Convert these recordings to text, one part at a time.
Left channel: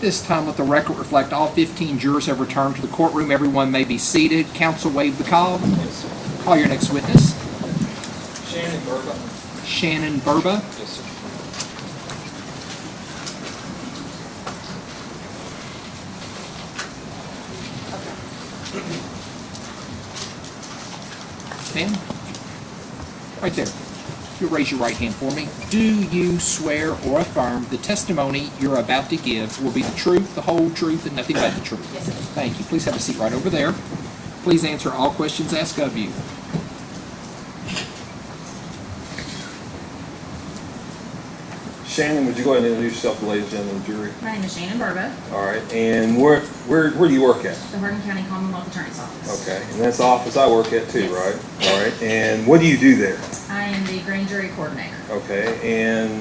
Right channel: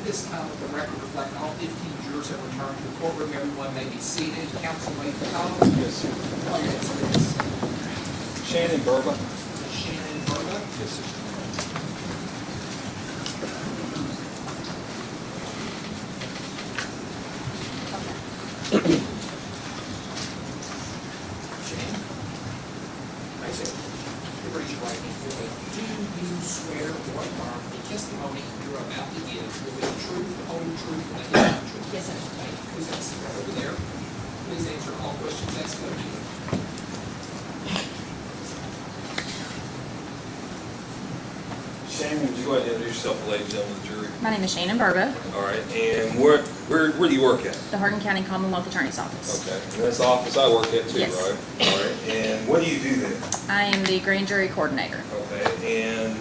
This time, let the record reflect all 15 jurors have returned to the courtroom. Everyone may be seated. Counsel waive the call. Yes, sir. Call your next witness. Shannon Burba. Shannon Burba. Yes, sir. Ma'am? Right there. You raise your right hand for me. Do you swear or affirm the testimony you're about to give will be the truth, the whole truth, and nothing but the truth? Yes, sir. Thank you. Please have a seat right over there. Please answer all questions asked of you. Shannon, would you go ahead and introduce yourself to the ladies and gentlemen of the jury? My name is Shannon Burba, All right. And where do you work at? the Hardin County Commonwealth Attorney's Office. Okay. And that's the office I work at too, Yes. right? All right. And what do you do there? I am the grand jury coordinator. Okay. And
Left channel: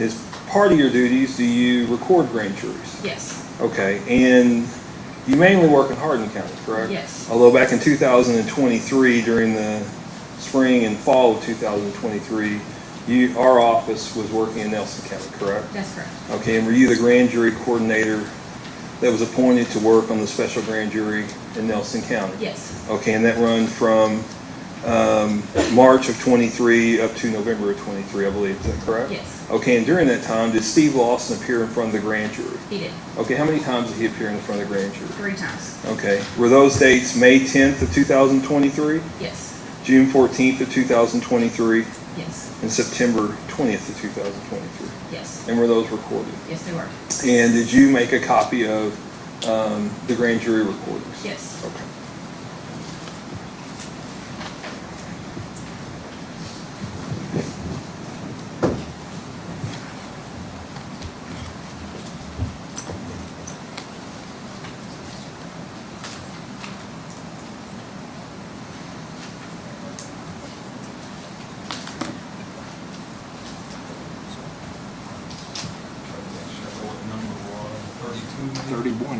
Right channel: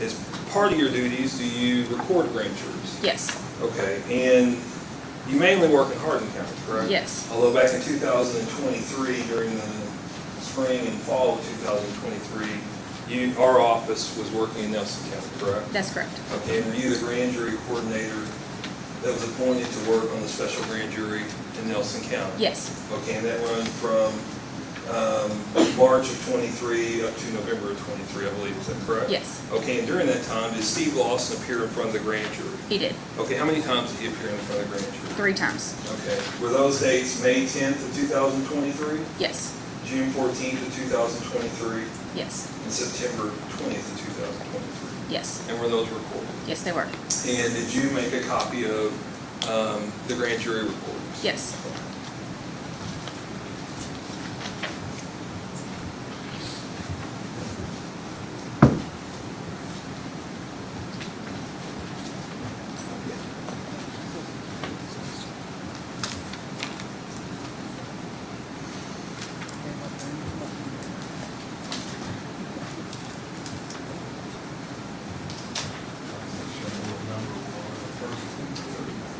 as part of your duties, do you record grand juries? Yes. Okay. And you mainly work in Hardin County, correct? Yes. Although back in 2023, during the spring and fall of 2023, our office was working in Nelson County, correct? That's correct. Okay, and were you the grand jury coordinator that was appointed to work on the special grand jury in Nelson County? Yes. Okay, and that run from March of 23 up to November of 23, I believe. Is that correct? Yes. Okay, and during that time, did Steve Lawson appear in front of the grand jury? He did. Okay, how many times did he appear in front of the grand jury? 3 times. Okay, were those dates May 10th of 2023, Yes. June 14th of 2023, Yes. and September 20th of 2023? Yes. And were those recorded? Yes, they were. And did you make a copy of the grand jury recordings? Yes. Okay.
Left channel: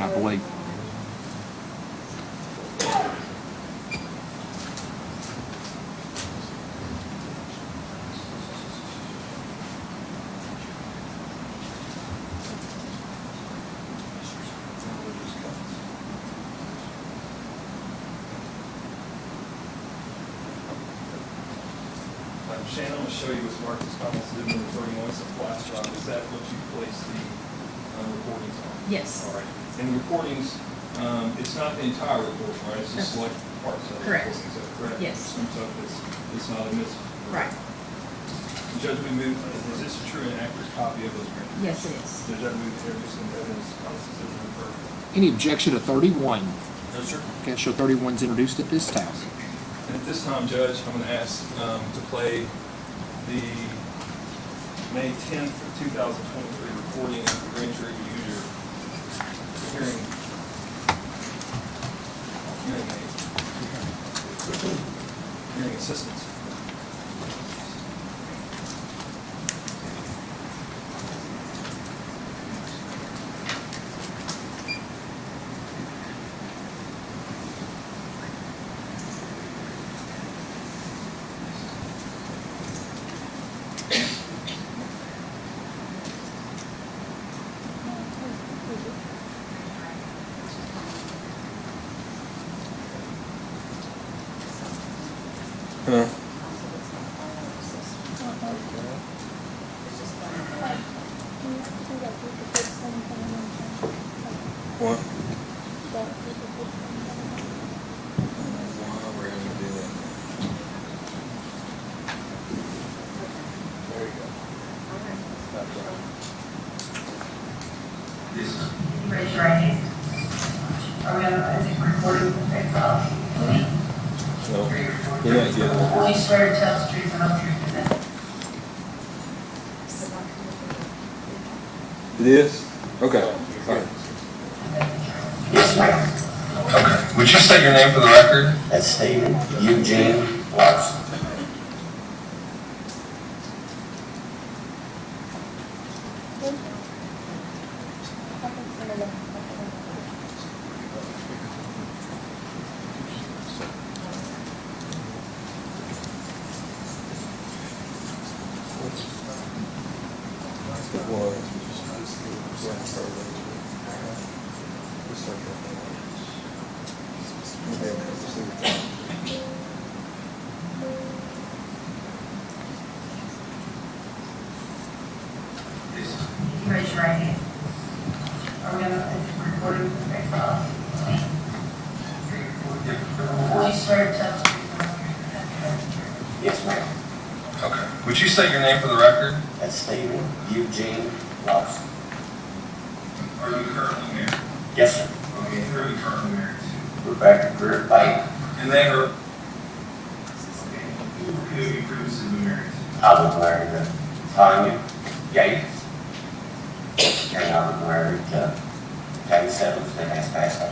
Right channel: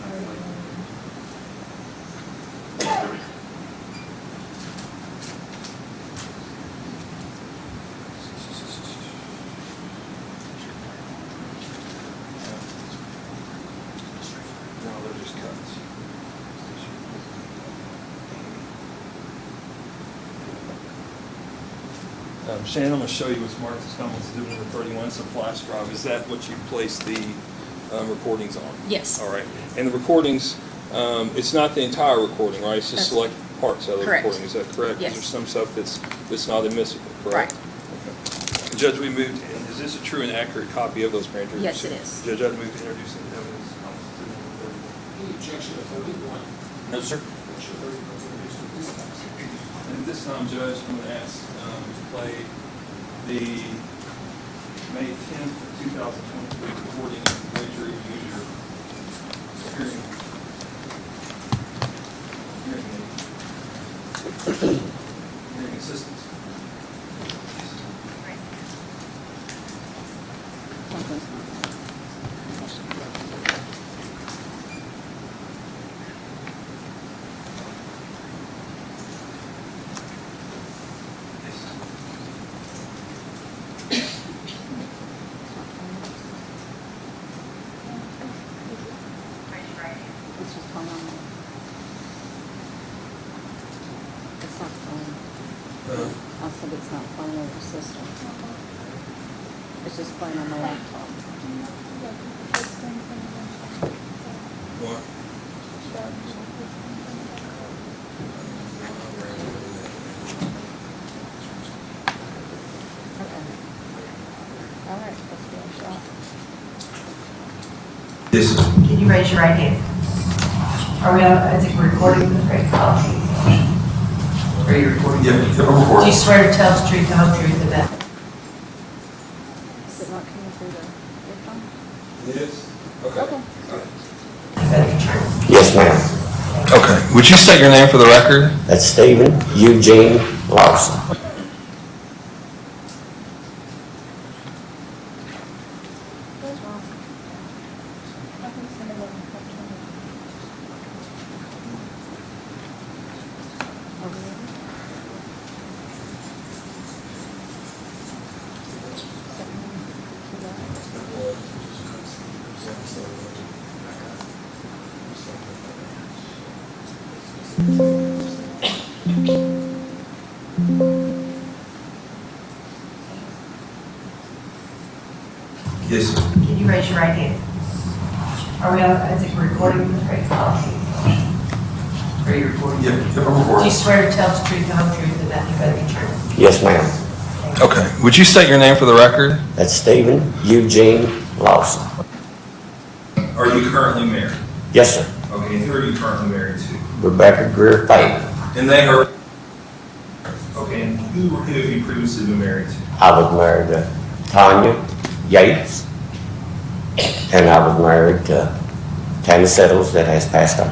I believe. Shannon, I'm going to show you what's marked as comments exhibit number 31. It's a flash drive. Is that what you place the recordings on? Yes. All right. And the recordings, it's not the entire recording, right? It's just select parts of the Correct. recording. Is that correct? Yes. There's some stuff that's not admissible, correct? Right. Okay. Judge, we moved. Is this a true and accurate copy of those grand jury? Yes, it is. Judge, I move to introduce the evidence. Comments exhibit number 30. Any objection to 31? No, sir. Okay, show 31 is introduced at this time. And at this time, Judge, I'm going to ask to play the May 10th of 2023 recording of the grand jury user hearing assistance. I said it's not playing on the system. It's just playing on the laptop. What? All right, let's go. Yes. Can you raise your right hand? Are we on, I think we're recording the great policy. Are you recording? Yeah, Do you swear to tell the truth, the whole truth, and that? Is it not coming through the? It is? Okay. All right. Yes, ma'am. Okay. Would you state your name for the record? That's Stephen Eugene Lawson. Yes, sir. Can you raise your right hand? Are we on, I think we're recording the right call. Are you recording? Yeah, I'm Do recording. you swear to tell the truth, the whole truth, and nothing but the truth? Yes, ma'am. Okay. Would you state your name for the record? That's Stephen Eugene Lawson. Are you currently married? Yes, sir. Okay, and who are you currently married to? Rebecca Greer Payton. And they are, okay, and who have you previously been married to? I was married to Tanya Yates, and I was married to Tammy Settles that has passed on.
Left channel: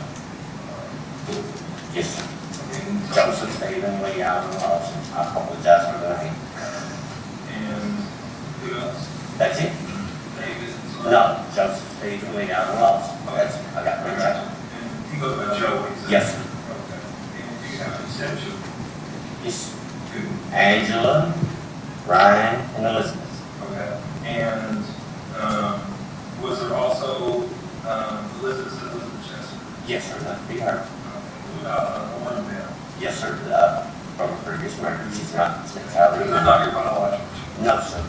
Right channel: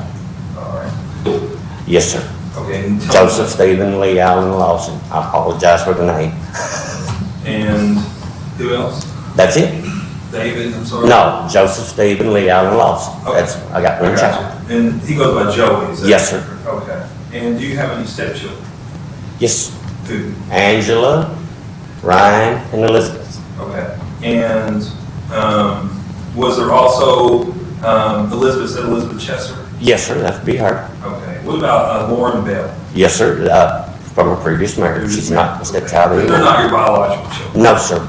All right. Yes, sir. Okay, and tell me- Joseph Stephen Lee Allen Lawson. I apologize for the name. And who else? That's it? David, I'm sorry? No, Joseph Stephen Lee Allen Lawson. Okay. That's, I got one I child. got you. And he goes by Joey, is that? Yes, sir. Okay. And do you have any stepchildren? Yes, Who? Angela, Ryan, and Elizabeth. Okay. And was there also Elizabeth Chester? Yes, sir, that would be her. Okay. What about Lauren Bell? Yes, sir, from a previous marriage. She's not a stepchild They're anymore. not your biological children? No, sir.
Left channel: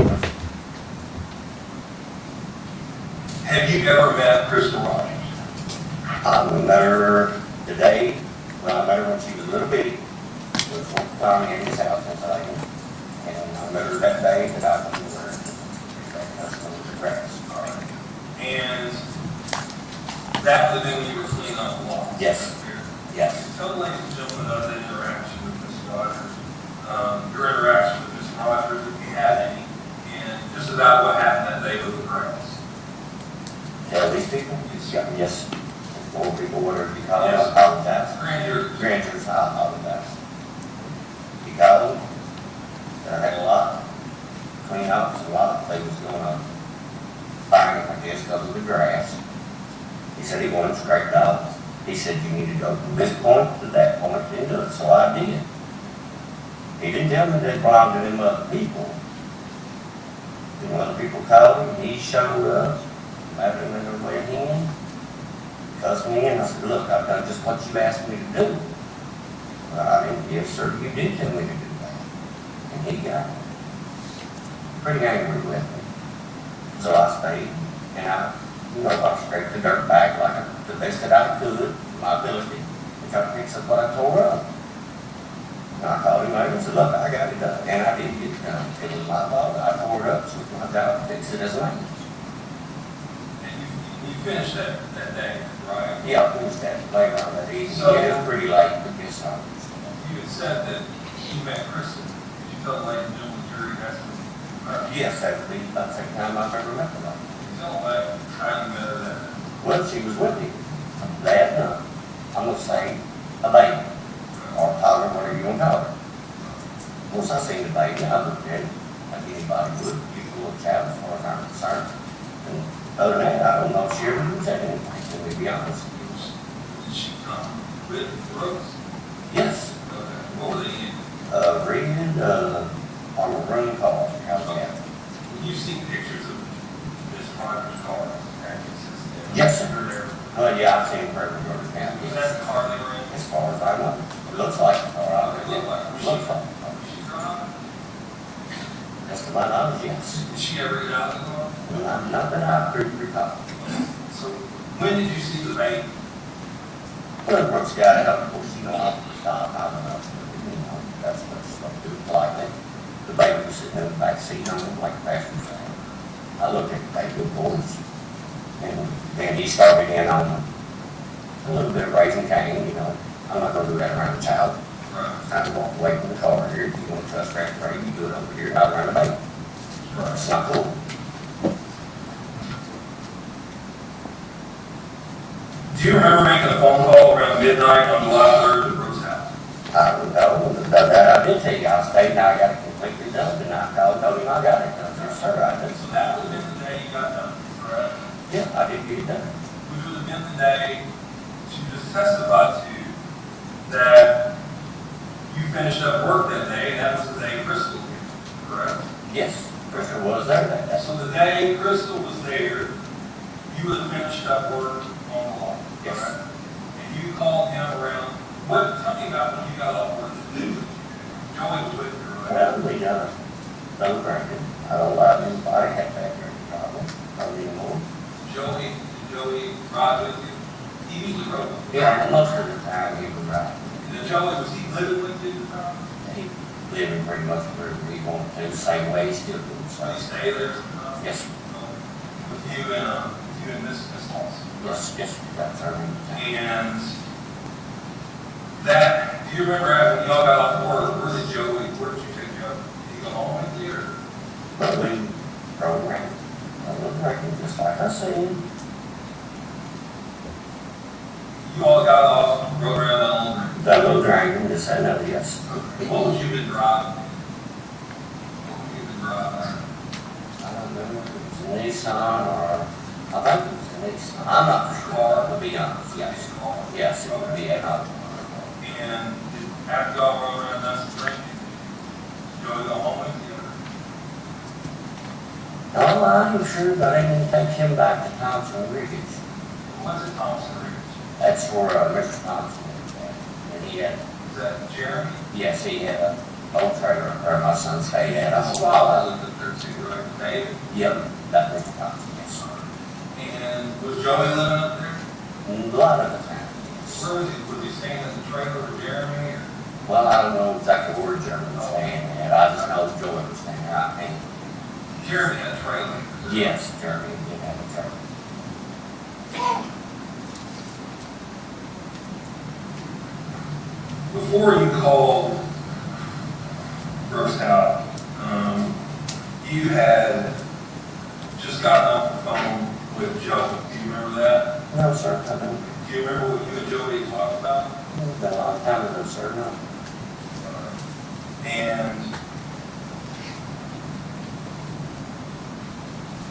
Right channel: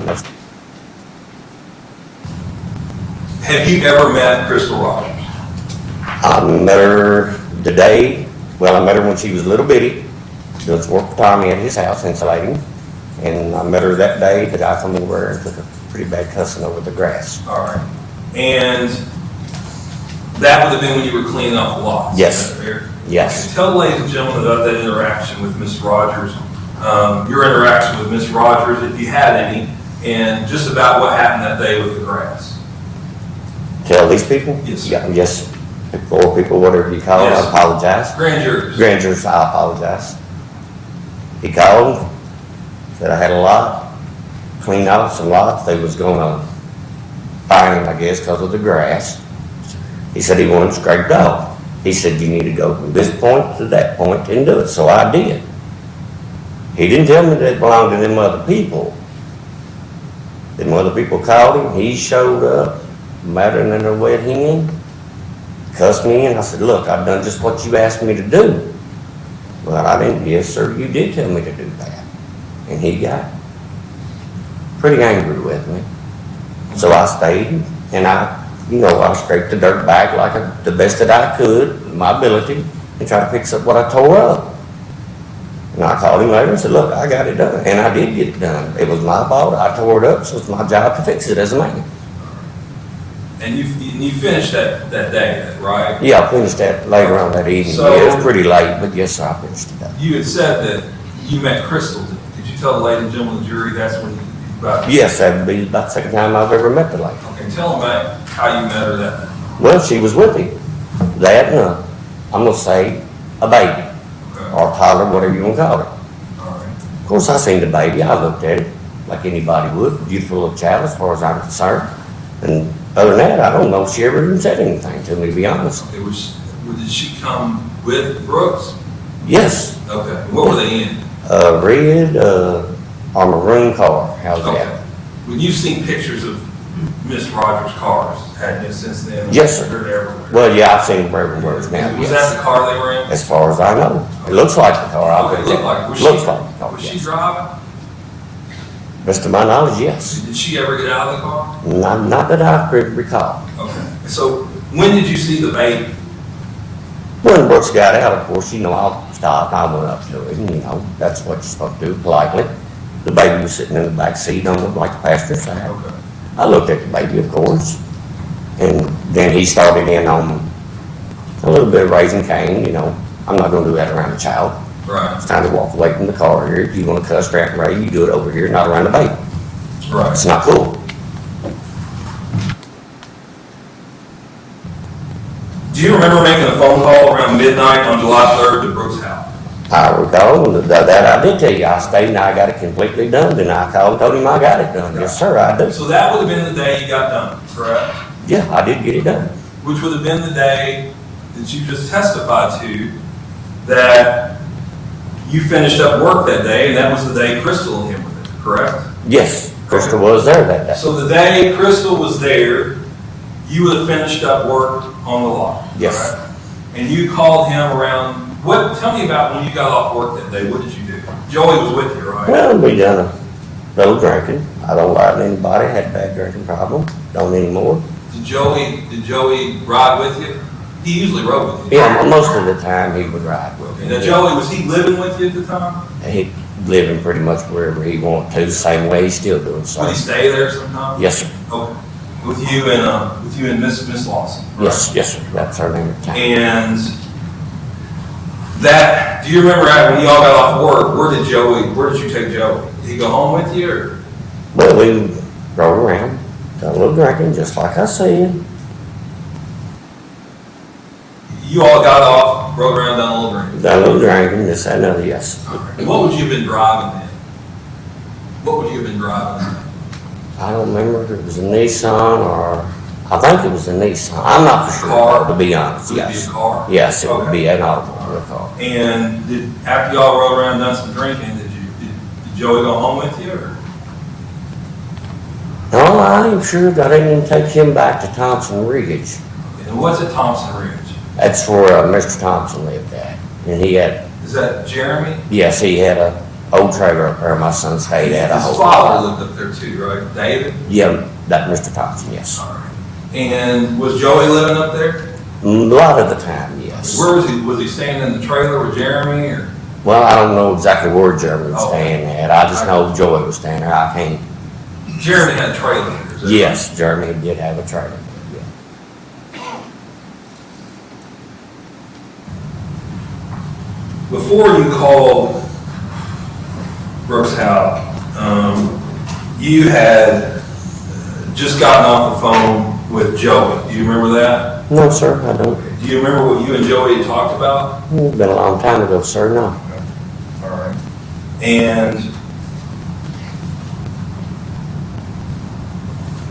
Okay. Have you ever met Crystal Rogers? I met her the day, well, I met her when she was a little bitty. She was working for Tommy at his house insulating. And I met her that day, the guy come in where and took a pretty bad cussing over the grass. All right. And that would have been when you were cleaning off the lot? Yes. Is that fair? Yes. Okay, tell the ladies and gentlemen about that interaction with Miss Rogers, your interaction with Miss Rogers, if you had any, and just about what happened that day with the grass. Tell these people? Yes. Yeah, yes, or people, whatever you call them, I Yes. apologize. Grand jurors. Grand jurors, I apologize. He called, said I had a lot, clean off some lots, they was gonna fine him, I guess, because of the grass. He said he wanted scraped off. He said, you need to go from this point to that point and do it, so I did. He didn't tell me that it belonged to them other people. Them other people called him, he showed up, madder than a wet hen, cussed me in. I said, look, I've done just what you asked me to do. Well, I didn't, yes, sir, you did tell me to do that. And he got pretty angry with me. So I stayed, and I scraped the dirt back like the best that I could, my ability, and tried to fix up what I tore up. And I called him later and said, look, I got it done. And I did get it done. It was my fault. I tore it up, so it's my job to fix it as a man. And you finished that day, right? Yeah, I finished that later on that evening. So- Yeah, it was pretty late, but yes, sir, I finished it. You had said that you met Crystal. Did you tell the ladies and gentlemen of the jury that's when, about? Yes, that would be about the second time I've ever met the lady. Okay, tell them about how you met her that night. Well, she was with him. That, I'm gonna say, a baby, or toddler, whatever you wanna call it. All right. Of course, I seen the baby, I looked at it like anybody would, beautiful little child as far as I'm concerned. And other than that, I don't know if she ever even said anything to me, to be honest. Did she come with Brooks? Yes, Okay, what were they in? red, or maroon car, how's Okay. that? When you've seen pictures of Miss Rogers' cars, hadn't you, since then? Yes, sir. They're everywhere. Well, yeah, I've seen them everywhere now, Was that yes. the car they were in? As far as I know, it looks like the car, I'll Okay, bet it looked you. like it. Was Looks she- like the car, Was she yes. driving? Best of my knowledge, yes. Did she ever get out of the car? Not that I could recall. Okay. So when did you see the baby? When Brooks got out, of course, I stopped, I went up to him, that's what you're supposed to do, politely. The baby was sitting in the back seat, like the passenger side. Okay. I looked at the baby, of course, and then he started in on a little bit of raising Cain, I'm not gonna do that around a child. Right. It's time to walk away from the car here. If you wanna cuss, rant, and rave, you do it over here, not around the baby. Right. It's not cool. Do you remember making a phone call around midnight on July 3rd to Brooks' house? I recall that I did tell you, I stayed and I got it completely done, and I called and told him I got it done. Yes, sir, I do. So that would have been the day you got done, correct? Yeah, I did get it done. Which would have been the day that you just testified to, that you finished up work that day, and that was the day Crystal and him were there, correct? Yes, Crystal was there that day. So the day Crystal was there, you would have finished up work on the lot, Yes. correct? And you called him around, tell me about when you got off work that day, what did you do? Joey was with you, right? Well, we done a little drinking. I don't lie to anybody, had a bad drinking problem, don't anymore. Did Joey ride with you? He usually rode with you. Yeah, most of the time he would ride with me. Now Joey, was he living with you at the time? He living pretty much wherever he wanted to, the same way he's still doing so. Would he stay there sometimes? Yes, sir. Okay. With you and Miss Lawson? correct? Yes, sir. That's her name at the time. And do you remember when y'all got off work, where did you take Joey? Did he go home with you, or? Well, we rode around, got a little drinking, just like I said. You all got off, rode around, done a little drinking? Got a little drinking, this and that, yes. Okay. What would you have been driving then? What would you have been driving? I don't remember if it was a Nissan or, I think it was a Nissan. I'm not for sure, Car? to be honest, Would it be yes. a car? Yes, it would Okay. be an automobile car. And after y'all rode around, done some drinking, did Joey go home with you, or? No, I ain't sure, I didn't take him back to Thompson Ridge. And what's at Thompson Ridge? That's where Mr. Thompson lived at. And he had, Is that Jeremy? yes, he had a old trailer up there, my son stayed at a His whole father lot. lived up there too, right? David? Yeah, that Mr. Thompson, yes. And was Joey living up there? A lot of the time, yes. Where was he? Was he staying in the trailer with Jeremy, or? Well, I don't know exactly where Jeremy was Oh. staying at. I just know Joey was staying there. I can't. Jeremy had a trailer. is that Yes, Jeremy did have a trailer. right? Before you called Brooks' house, you had just gotten off the phone with Joey. Do you remember that? No, sir, I don't. Do you remember what you and Joey had talked about? It's been a long time ago, sir, no. All right. And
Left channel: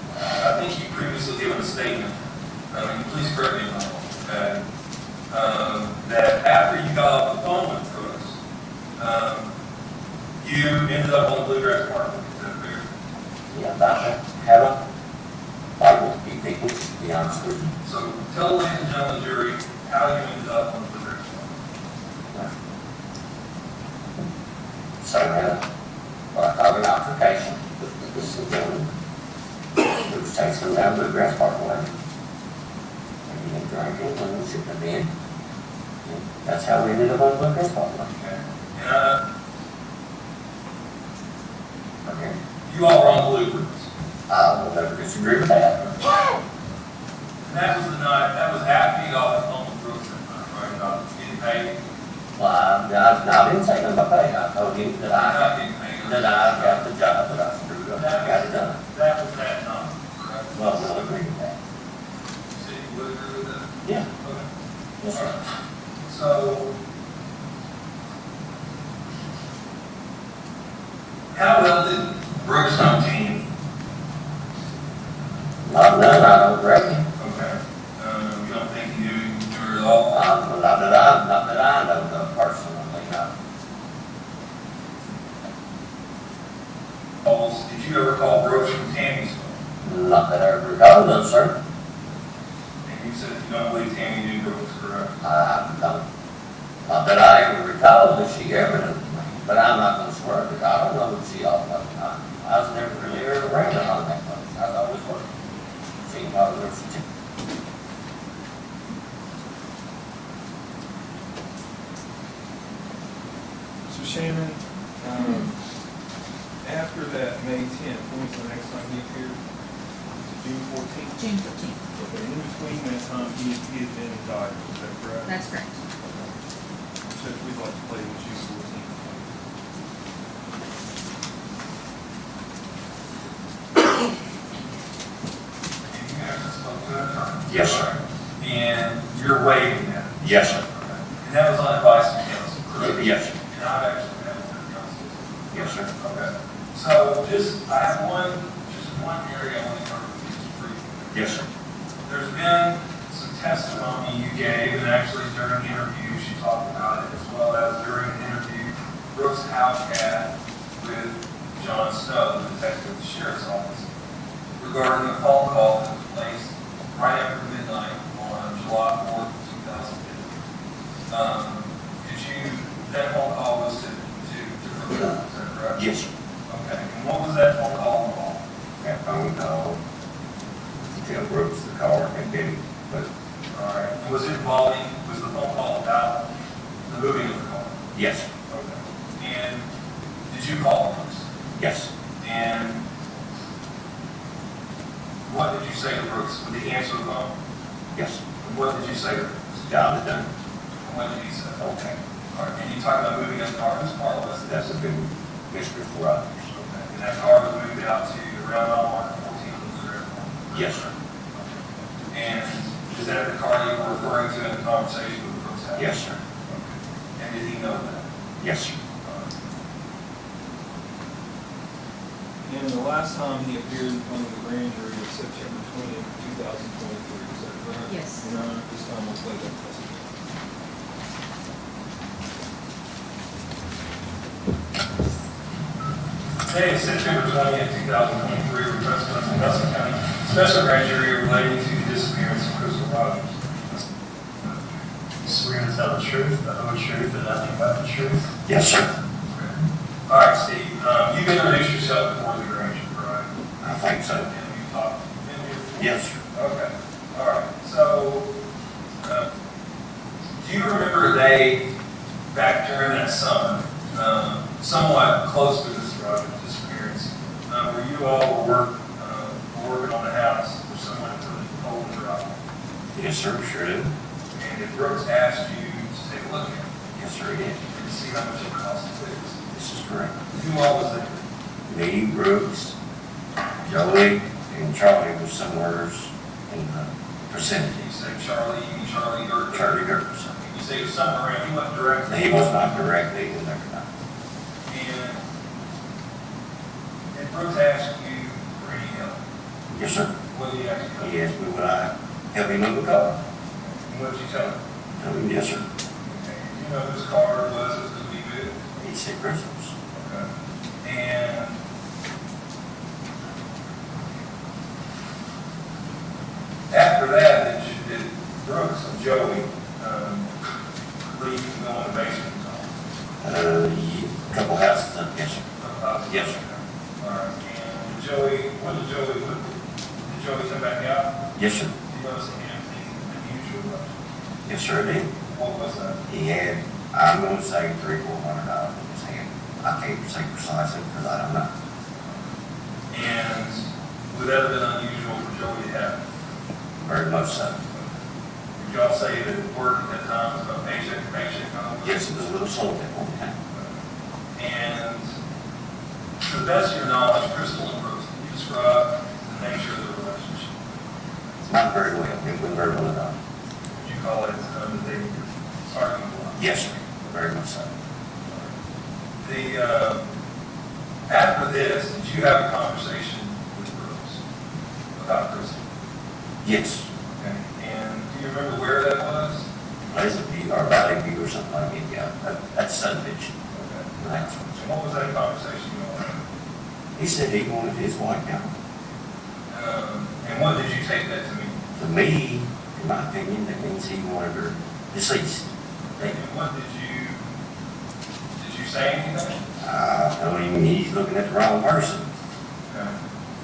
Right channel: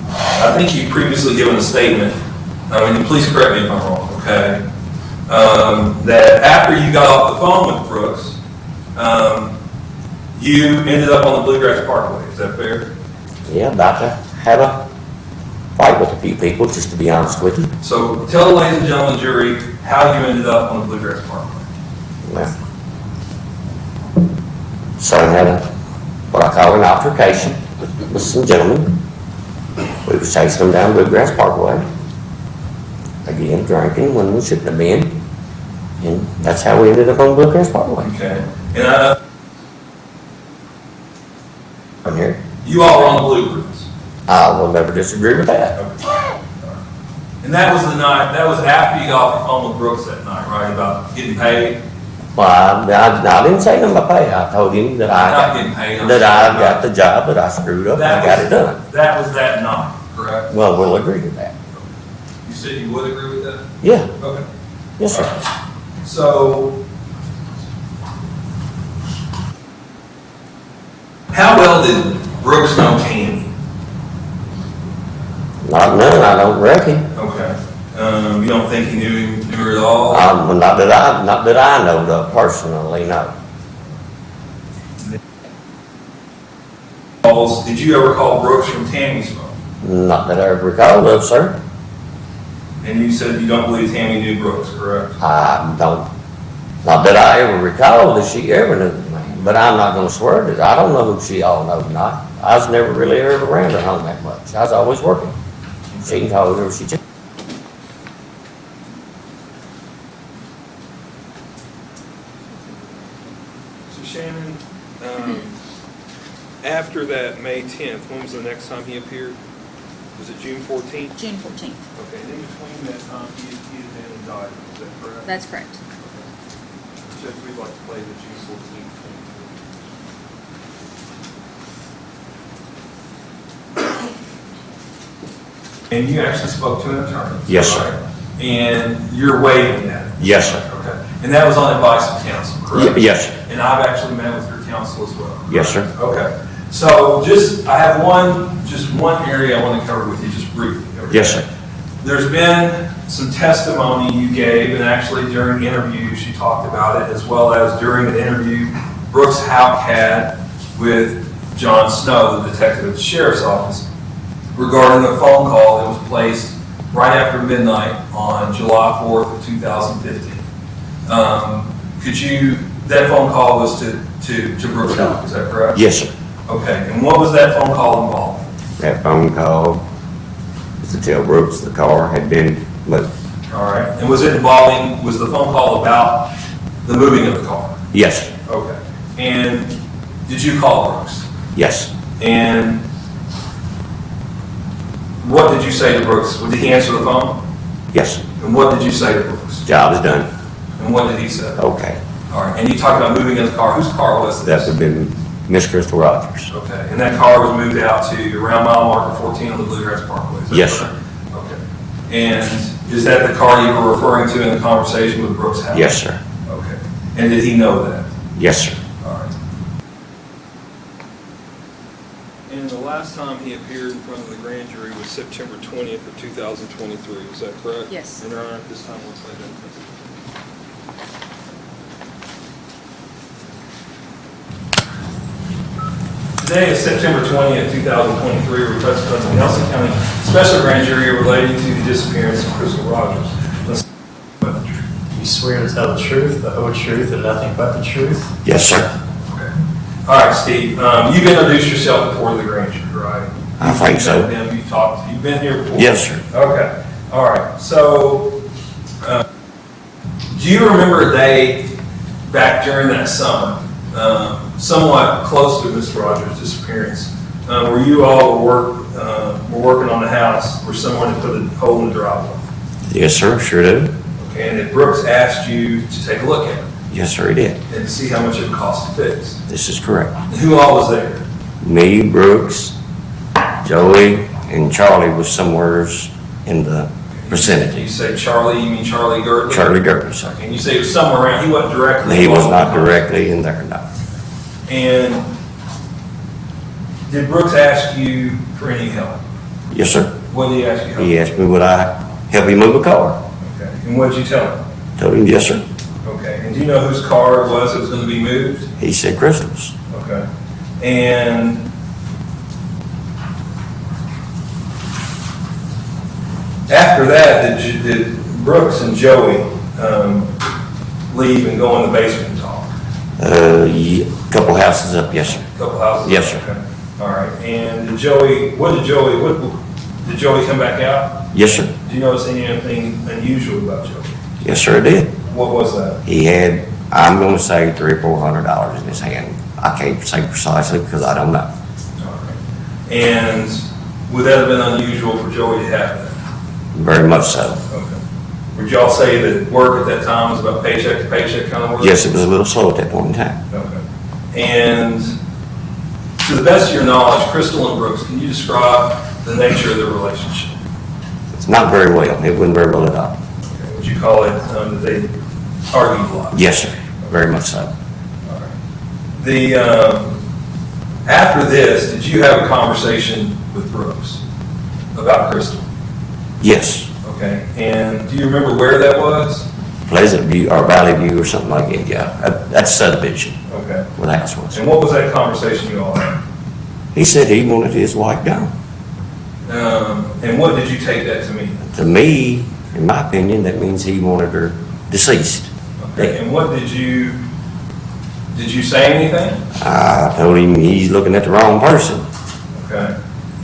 I think you've previously given a statement, please correct me if I'm wrong, okay? That after you got off the phone with Brooks, you ended up on the Bluegrass Parkway, is that fair? Yeah, about to have a fight with a few people, just to be honest with you. So tell the ladies and gentlemen jury how you ended up on the Bluegrass Parkway. Well, son had what I call an altercation with some gentlemen. We was chasing them down Bluegrass Parkway. Again, drinking when we shouldn't have been. And that's how we ended up on Bluegrass Parkway. Okay. And From here, you all were on the Bluebirds. I will never disagree with that. And that was the night, that was after you got off the phone with Brooks that night, right, about getting paid? Well, I didn't say nothing about pay. I told him that Not getting paid. I got the job, that I screwed up, and I got it done. That was that night, correct? Well, we'll agree to that. You said you would agree with that? Yeah, Okay. yes, sir. So, how well did Brooks know Tammy? Not none, I don't reckon. Okay. You don't think he knew her at all? Not that I know of personally, no. Did you ever call Brooks from Tammy's phone? Not that I recall of, sir. And you said you don't believe Tammy knew Brooks, correct? I don't, not that I ever recall that she ever knew me, but I'm not gonna swear that I don't know who she all knows not. I was never really ever around her home that much. I was always working. She can call whoever she chooses. So Shannon, after that May 10th, when was the next time he appeared? Was it June 14th? June 14th. Okay, in between that time, he'd been indicted, is that correct? That's correct. Okay. Judge, we'd like to play the June 14th. And you actually spoke to an attorney? Yes, sir. right? And you're waiving that? Yes, sir. Okay. And that was on advice of counsel, correct? Yes, sir. And I've actually met with your counsel as well? Yes, sir. Okay. So I have just one area I want to cover with you just briefly. Okay? Yes, sir. There's been some testimony you gave, and actually during interviews you talked about it, as well as during an interview Brooks Houck had with John Snow, the detective at the sheriff's office, regarding a phone call that was placed right after midnight on July 4th, 2015. That phone call was to Brooks Houck, is that correct? Yes, sir. Okay, and what was that phone call involving? That phone call was to tell Brooks the car had been moved. All right, and was the phone call about the moving of the car? Yes, sir. Okay, and did you call Brooks? Yes, And what did you say to Brooks? Did he answer the phone? yes, sir. And what did you say to Brooks? Job is done. And what did he say? Okay. All right, and you talked about moving in the car. Whose car was That this? would have been Miss Crystal Rogers. Okay, and that car was moved out to around mile marker 14 on the Bluegrass Parkway? Is that Yes, correct? Okay. And is that the car you were referring to in the conversation with Brooks Houck? Yes, sir. Okay. And did he know that? Yes, sir. All right. And the last time he appeared in front of the grand jury was September 20th of 2023, is that correct? Yes. Your Honor, at this time, I'll play that testimony. Today is September 20th, 2023, we're present at the Nelson County Special Grand Jury relating to the disappearance of Crystal Rogers. You swear to tell the truth, the whole truth, and nothing but the truth? Yes, sir. Okay. All right, Steve, you've introduced yourself before the grand jury, right? I think so. You've met them, you've talked, you've been here before? Yes, sir. Okay, all right. So, do you remember a day back during that summer, somewhat close to Miss Rogers' disappearance, where you all were working on the house where someone had put a hole in the driveway? Yes, sir. Sure do. Okay, and that Brooks asked you to take a look at it Yes, sir, he did. and see how much it would cost to fix. This is correct. And who all was there? Me, Brooks, Joey, and Charlie was somewhere in the vicinity. You say Charlie, you mean Charlie Gertley? Charlie Gertler, sir. And you say it was somewhere around, he wasn't directly? He was not involved? directly in there, no. And did Brooks ask you for any help? Yes, sir. What did he ask you? He asked me would I help him move a car. Okay, and what did you tell him? Told him, yes, sir. Okay, and do you know whose car it was that was gonna be moved? He said Crystal's. Okay, and after that, did Brooks and Joey leave and go in the basement and talk? Couple houses up, yes, sir. Couple houses? Yes, sir. Okay. All right, and did Joey come back out? Yes, sir. Do you notice anything unusual about Joey? Yes, sir, it did. What was that? He had, I'm gonna say $300 or $400 in his hand. I can't say precisely because I don't know. And would that have been unusual for Joey to have that? Very much so. Okay. Would y'all say that work at that time was about paycheck to paycheck kind of work? Yes, it was a little slow at that point in time. Okay. And to the best of your knowledge, Crystal and Brooks, can you describe the nature of their relationship? It's not very well. It wasn't very well at all. Okay. Would you call it that they argued a lot? Yes, sir. Very much so. All right. After this, did you have a conversation with Brooks about Crystal? Yes. Okay. And do you remember where that was? Pleasant View or Valley View or something like that, yeah. That's subdivision Okay. where the house was. And what was that conversation you all had? He said he wanted his wife gone. And what did you take that to mean? To me, in my opinion, that means he wanted her deceased. Okay. And what did you say anything? I told him he's looking at the wrong person. Okay.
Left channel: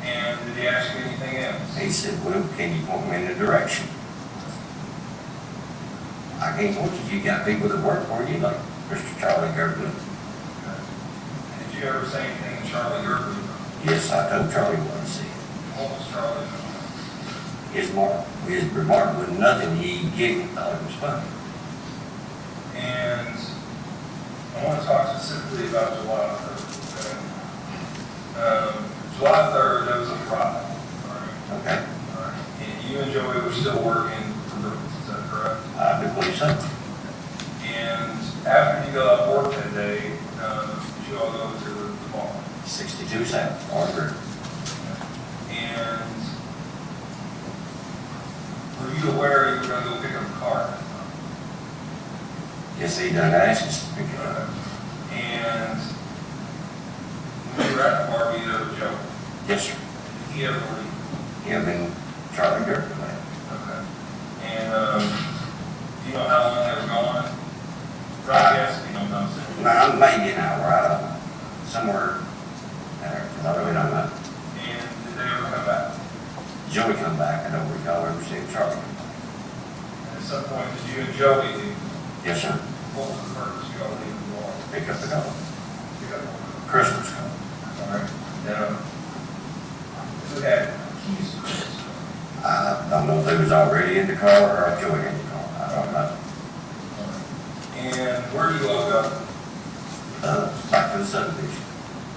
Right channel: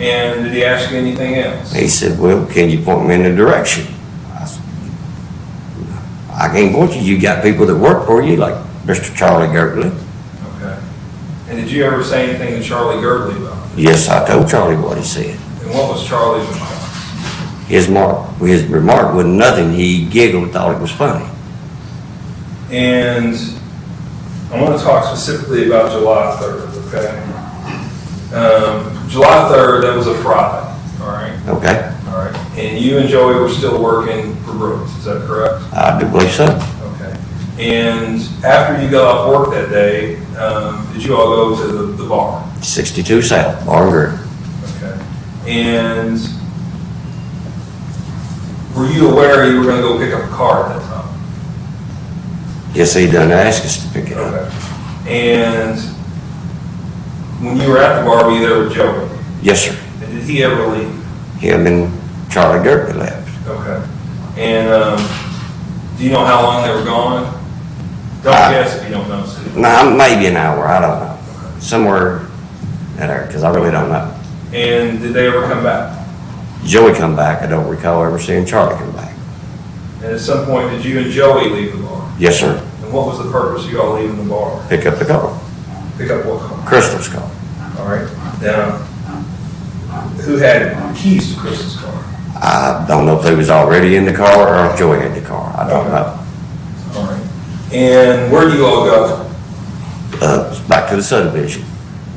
And did he ask you anything else? He said, well, can you point me in the direction? I said, I can't point you. You got people that work for you, like Mr. Charlie Gertley. Okay. And did you ever say anything to Charlie Gertley about it? Yes, I told Charlie what he said. And what was Charlie's response? His remark was nothing. He giggled and thought it was funny. And I want to talk specifically about July 3rd, okay? July 3rd, that was a Friday, all right? Okay? All right. And you and Joey were still working for Brooks, is that correct? I do believe so. Okay. And after you got off work that day, did you all go to the bar? 62 South, Bar and Grill. Okay. And were you aware you were gonna go pick up a car at that time? Yes, he done ask us to pick it up. Okay. And when you were at the bar, were you there with Joey? Yes, sir. And did he ever leave? Him and Charlie Gerke left. Okay. And do you know how long they were gone? Don't guess if you don't know, Steve. No, maybe an hour, I don't know. Somewhere in there, because I really don't know. And did they ever come back? Joey come back, I don't recall ever seeing Charlie come back. And at some point, did you and Joey leave the bar? Yes, sir. And what was the purpose of you all leaving the bar? Pick up the car. Pick up what car? Crystal's car. All right. Now, who had keys to Chris's car? I don't know if they was already in the car or if Joey had the car. I don't know. All right. And where do you all go? Back to the subdivision.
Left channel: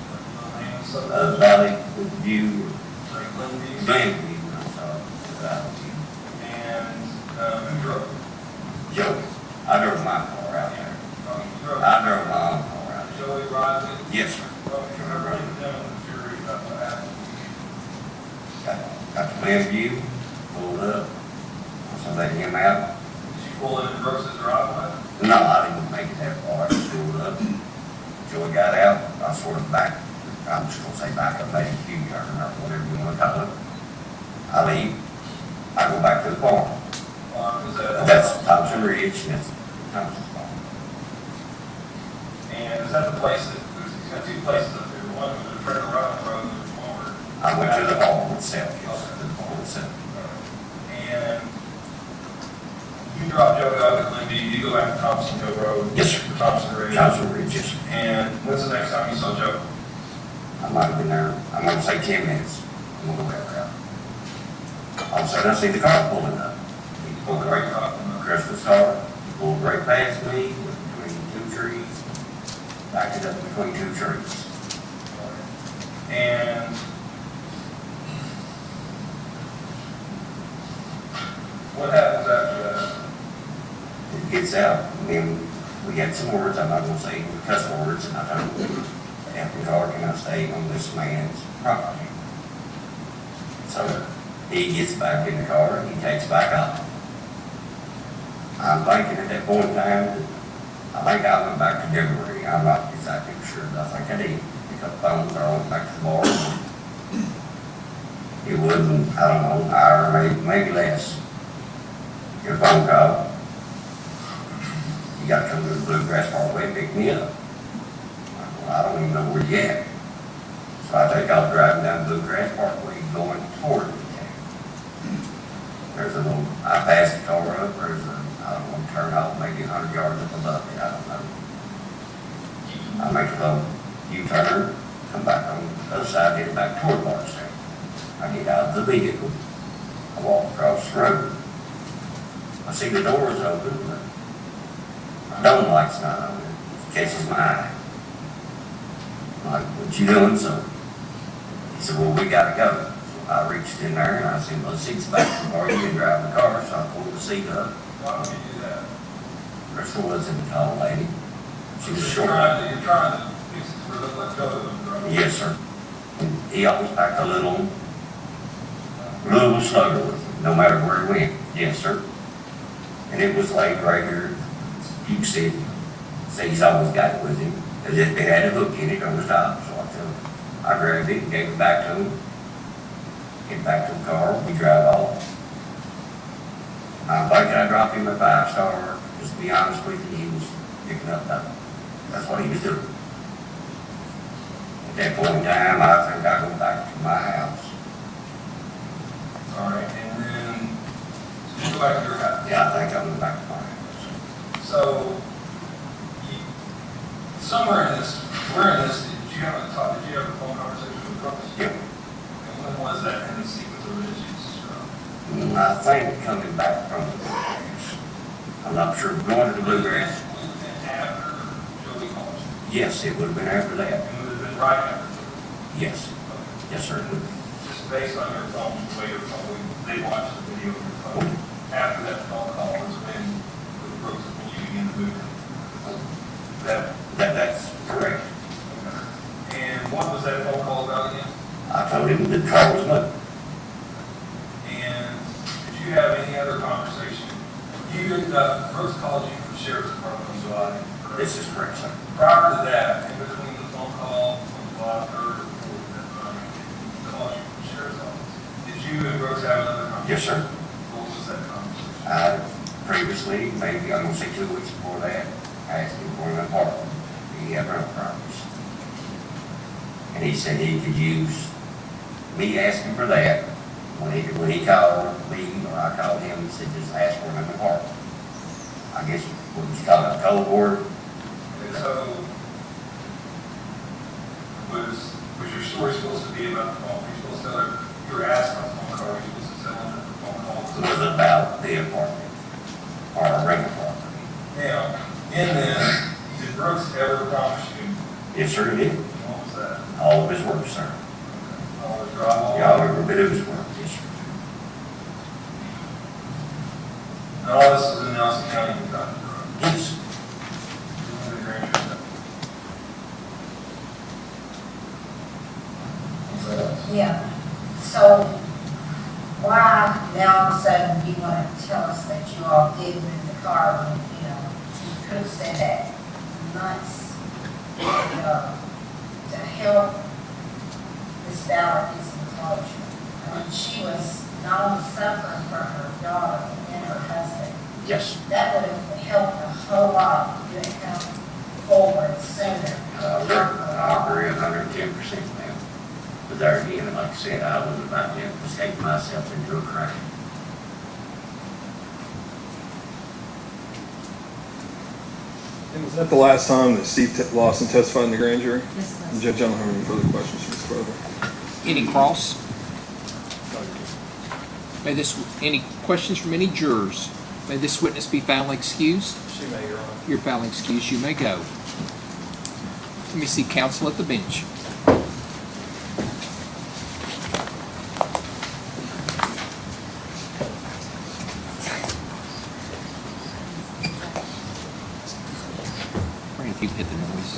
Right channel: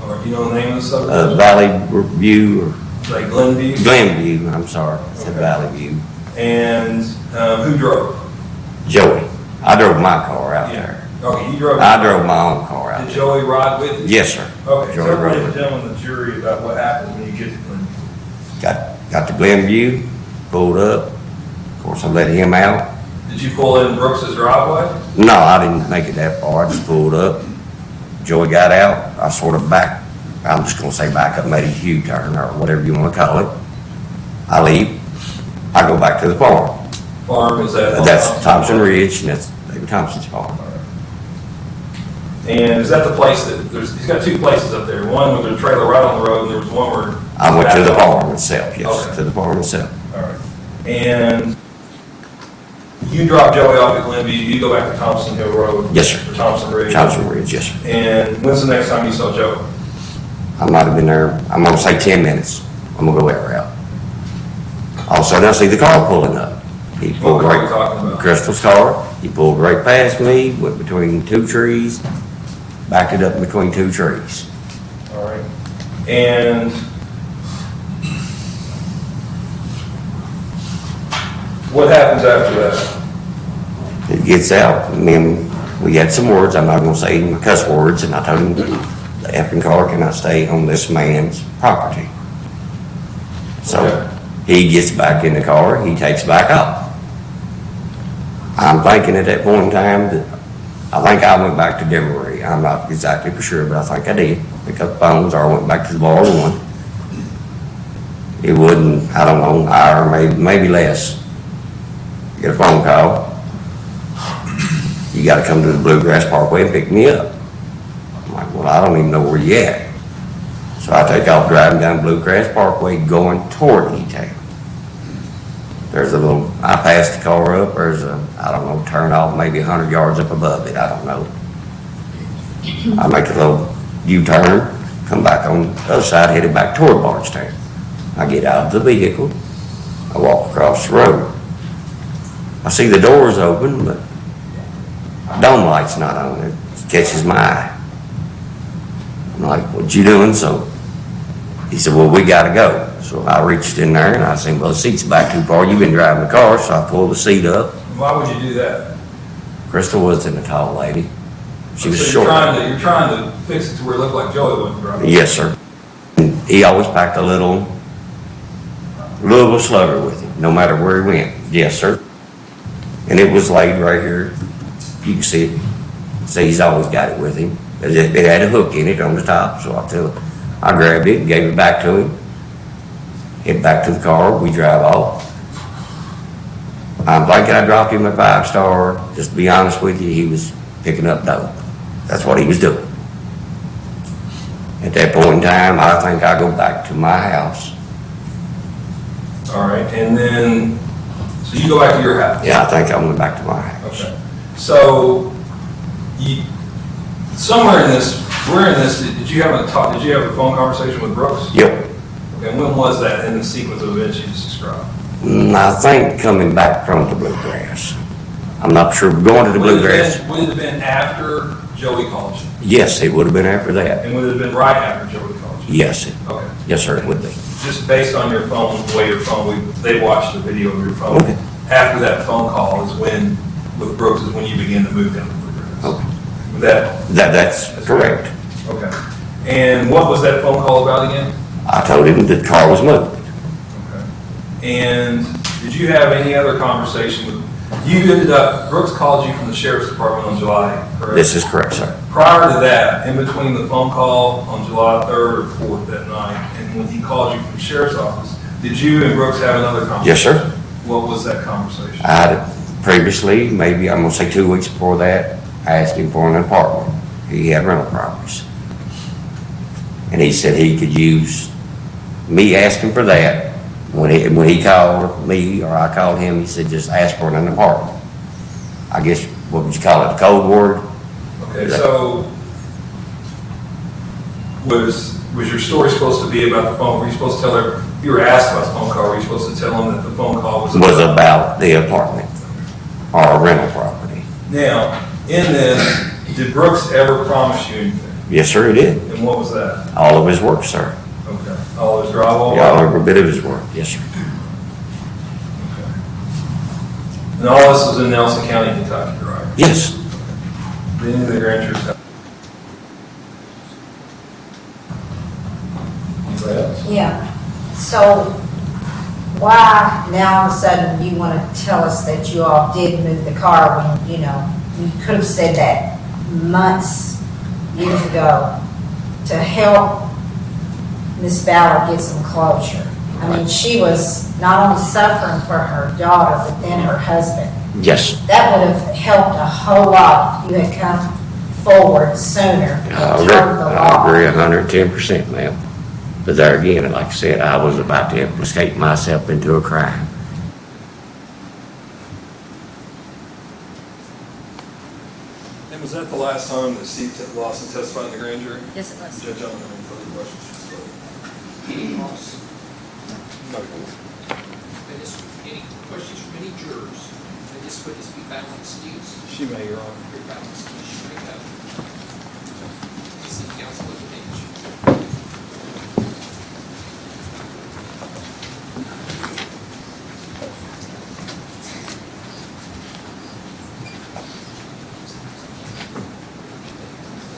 All right. You know the name of the subdivision? Valley View Like Glenview? or Glenview, I'm sorry. It's Valley View. And who drove? Joey. I drove my car out there. Okay, you drove. I drove my own car out Did there. Joey ride with you? Yes, sir. Okay, Joey so rode everybody with me. telling the jury about what happened when you get to Glenview. Got to Glenview, pulled up. Of course, I let him out. Did you pull in Brooks's driveway? No, I didn't make it that far. I just pulled up. Joey got out. I sort of back, I'm just gonna say back up, made a U-turn or whatever you wanna call it. I leave. I go back to the farm. Farm is that? That's Thompson Ridge, and that's David Thompson's farm. And is that the place that, he's got two places up there. One with a trailer right on the road, and there was one where. I went to the farm itself, yes, Okay. to the farm itself. All right. And you drop Joey off at Glenview, you go back to Thompson Hill Road? Yes, sir. Or Thompson Ridge? Thompson Ridge, yes, sir. And when's the next time you saw Joey? I might have been there, I'm gonna say 10 minutes. I'm gonna go that route. All of a sudden, I see the car pulling up. He What pulled car are you right, talking about? Crystal's car. He pulled right past me, went between two trees, backed it up between two trees. All right. And what happens after that? It gets out, and then we had some words, I'm not gonna say any cuss words, and I told him the effing car cannot stay on this man's property. So Okay. he gets back in the car, he takes back off. I'm thinking at that point in time that, I think I went back to Demery. I'm not exactly for sure, but I think I did. Pick up phones, or I went back to the bar one. It wasn't, I don't know, an hour, maybe less. Get a phone call. You gotta come to the Bluegrass Parkway and pick me up. I'm like, well, I don't even know where you at. So I take off driving down Bluegrass Parkway going toward E-Town. There's a little, I passed the car up, there's a, I don't know, turn off maybe 100 yards up above it, I don't know. I make a little U-turn, come back on the other side, headed back toward Bardstown. I get out of the vehicle, I walk across the road. I see the doors open, but dome light's not on it, it catches my eye. I'm like, what you doing? So he said, well, we gotta go. So I reached in there and I said, well, the seat's back too far, you've been driving the car, so I pulled the seat up. Why would you do that? Crystal wasn't a tall lady. She was So short. You're trying to fix it to where it looked like Joey wasn't driving? Yes, sir. He always packed a little Louisville slugger with him, no matter where he went. Yes, sir. And it was laid right here. You can see it. See, he's always got it with him. It had a hook in it on the top, so I grabbed it and gave it back to him. Get back to the car, we drive off. I'm thinking I dropped him a 5-star. Just to be honest with you, he was picking up dope. That's what he was doing. At that point in time, I think I go back to my house. All right, and then, so you go back to your house? Yeah, I think I went back to my house. Okay. So, somewhere in this, where in this, did you have a phone conversation with Brooks? Yep. Okay, when was that in the sequence of events you just described? I think coming back from the Bluegrass. I'm not sure, going to the Bluegrass. Would it have been after Joey called you? Yes, it would have been after that. And would it have been right after Joey called you? Yes, Okay. yes, sir, it would be. just based on your phone, the way your phone, they watched the video of your phone. Okay. After that phone call is when, with Brooks, is when you begin to move down the Okay. That's Correct. okay. And what was that phone call about again? I told him the car was moved. Okay. And did you have any other conversation with, you ended up, Brooks called you from the sheriff's department on July, correct? This is correct, sir. Prior to that, in between the phone call on July 3rd or 4th that night, and when he called you from the sheriff's office, did you and Brooks have another conversation? Yes, sir. What was that conversation? I had previously, maybe I'm gonna say 2 weeks before that, I asked him for an apartment. He had rental properties. And he said he could use me asking for that. When he called me or I called him, he said, just ask for an apartment. I guess, what would you call it, the code word? Okay, so was your story supposed to be about the phone? Were you supposed to tell her, you were asked about the phone call, were you supposed to tell him that the phone call was? Was about the apartment or a rental property. Now, in this, did Brooks ever promise you anything? Yes, sir, he did. And what was that? All of his work, sir. Okay, all his drywall? Yeah, every bit of his work, yes, sir. And all this was in Nelson County, Kentucky, right? Yes. Any of the grand jury stuff? Anybody else? Yeah, so why now all of a sudden you want to tell us that you all did move the car when, you know, you could have said that months, years ago to help Miss Ballard get some closure? I mean, she was not only suffering for her daughter, but then her husband. Yes. That would have helped a whole lot if you had come forward sooner and turned the law. I agree 110%, ma'am. But there again, like I said, I was about to escape myself into a crime. And was that the last time that Steve Lawson testified in the grand jury? Yes, it was. Judge, I don't have any further questions for this brother. Any cross? Any questions from any jurors? May this witness be found excused? She may, Your Honor. You're found excused, you may go. Let me see counsel at the bench. All right, if you hit the noise.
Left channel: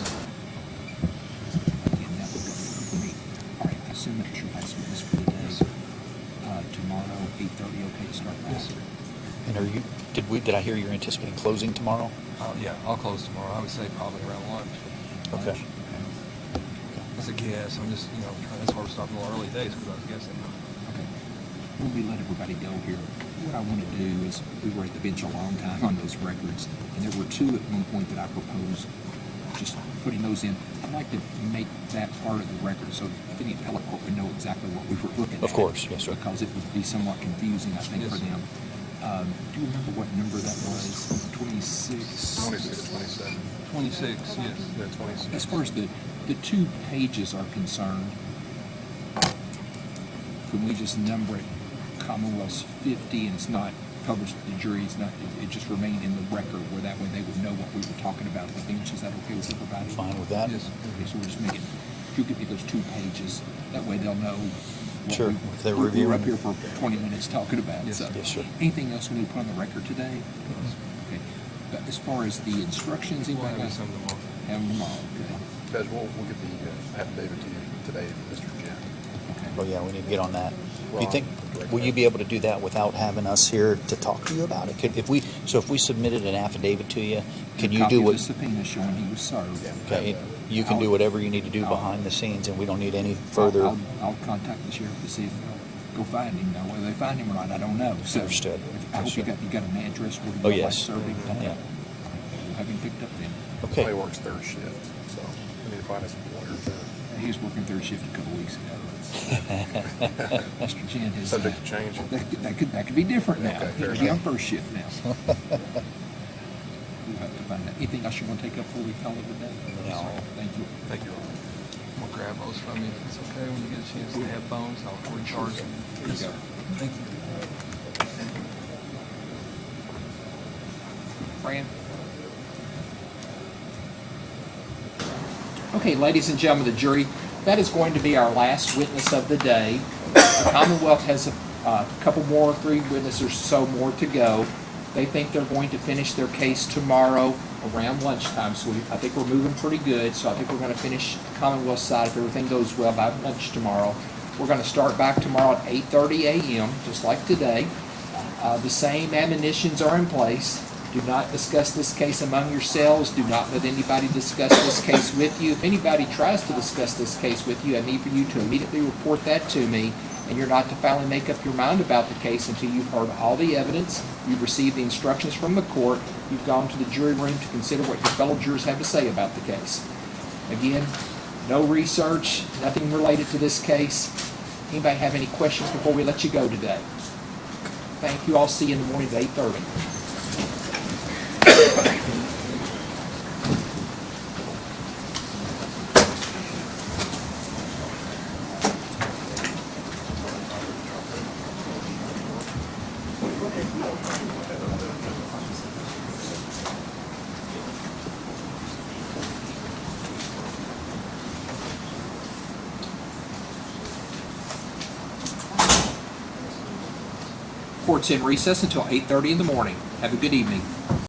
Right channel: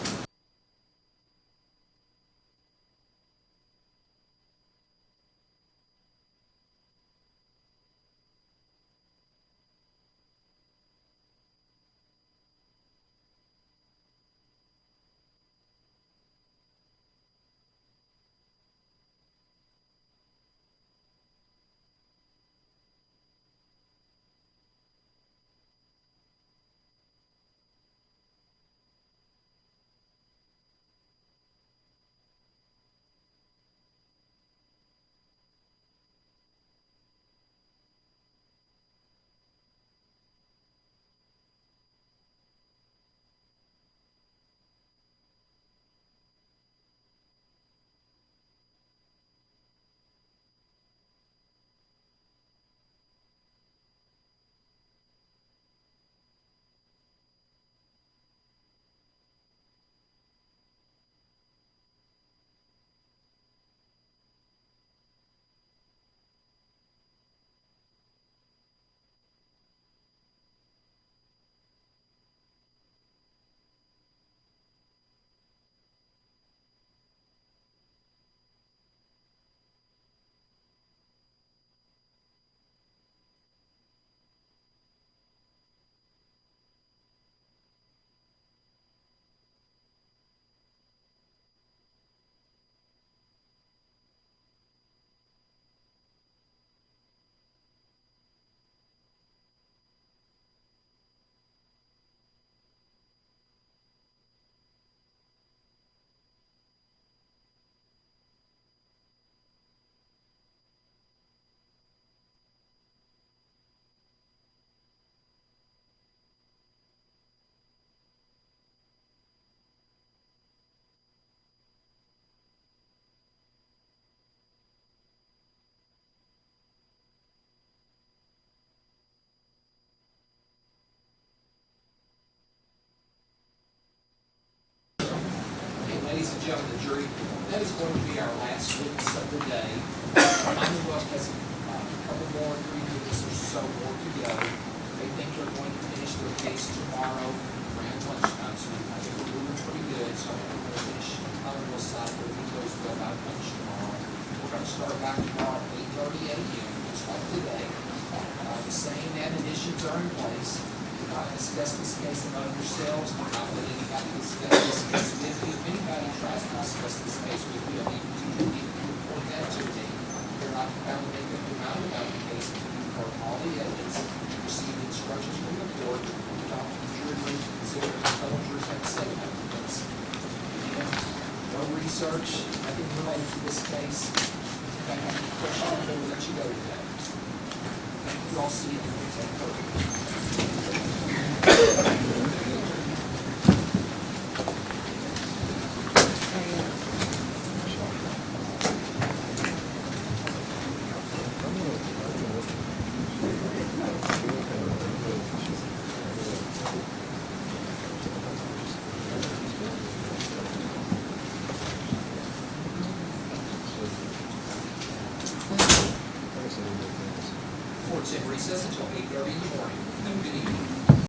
Again, that would be me. All right, I assume that's your last witness for the day. Tomorrow, 8:30, okay to start that? And are you, did I hear you're anticipating closing tomorrow? Yeah, I'll close tomorrow. I would say probably around lunch. Okay. That's a guess. I'm just, that's why we're starting a little early days because I was guessing. Okay. When we let everybody go here, what I want to do is, we were at the bench a long time on those records, and there were two at one point that I proposed just putting those in. I'd like to make that part of the record so if any appellate court would know exactly what we were looking at. Of course, yes, sir. Because it would be somewhat confusing, I think, for them. Do you remember what number that was? 26? 26, 27. 26, yes. Yeah, 26. As far as the 2 pages are concerned, can we just number it Commonwealth's 50 and it's not published to the jury, it just remained in the record where that way they would know what we were talking about at the bench? Is that okay with everybody? Fine with that? Yes. Okay, so we'll just make it, if you give me those 2 pages, that way they'll know what Sure, if they're we were reviewing. up here for 20 minutes talking about. Yes. So, Yes, sir. anything else we need to put on the record today? Okay. But as far as the instructions, We'll anybody have got? some of them on. Have them all, okay. Judge, we'll get the affidavit to you today, Mr. Jen. Okay. Oh, yeah, we need to get on that. Do you Ron, think, Director. will you be able to do that without having us here to talk to you about it? If we submitted an affidavit to you, can you Copy do of what? the subpoena showing he was served. Okay, you can do whatever you need to do behind the scenes, and we don't need any further. I'll contact the sheriff to see if they'll go find him. Now, whether they find him or not, I don't know. So, Understood. I hope you got an address where Oh, you yes. served him. Yeah. We'll have him picked up then. Okay. He works third shift, so we need to find us a lawyer to, He was working third shift a couple weeks ago. Mr. Jen is subject to change. that could be different now. Okay, fair He'll be on enough. first shift now. We'll have to find out. Anything else you want to take up before we call it a day? No. Thank you. Thank you. I'm going to grab those from you. If it's okay when you get a chance to have phones, I'll recharge them. Here you go. Thank you. Fran? Okay, ladies and gentlemen of the jury, that is going to be our last witness of the day. The Commonwealth has a couple more, 3 witnesses or so more to go. They think they're going to finish their case tomorrow around lunchtime, so I think we're moving pretty good. So I think we're going to finish Commonwealth side if everything goes well by lunch tomorrow. We're going to start back tomorrow at 8:30 a.m., just like today. The same admonitions are in place. Do not discuss this case among yourselves. Do not let anybody discuss this case with you. If anybody tries to discuss this case with you, I need for you to immediately report that to me. And you're not to finally make up your mind about the case until you've heard all the evidence, you've received the instructions from the court, you've gone to the jury room to consider what your fellow jurors have to say about the case. Again, no research, nothing related to this case. Anybody have any questions before we let you go today? Thank you. I'll see you in the morning at 8:30. 'Court's in recess until 8:30 in the morning. Have a good evening.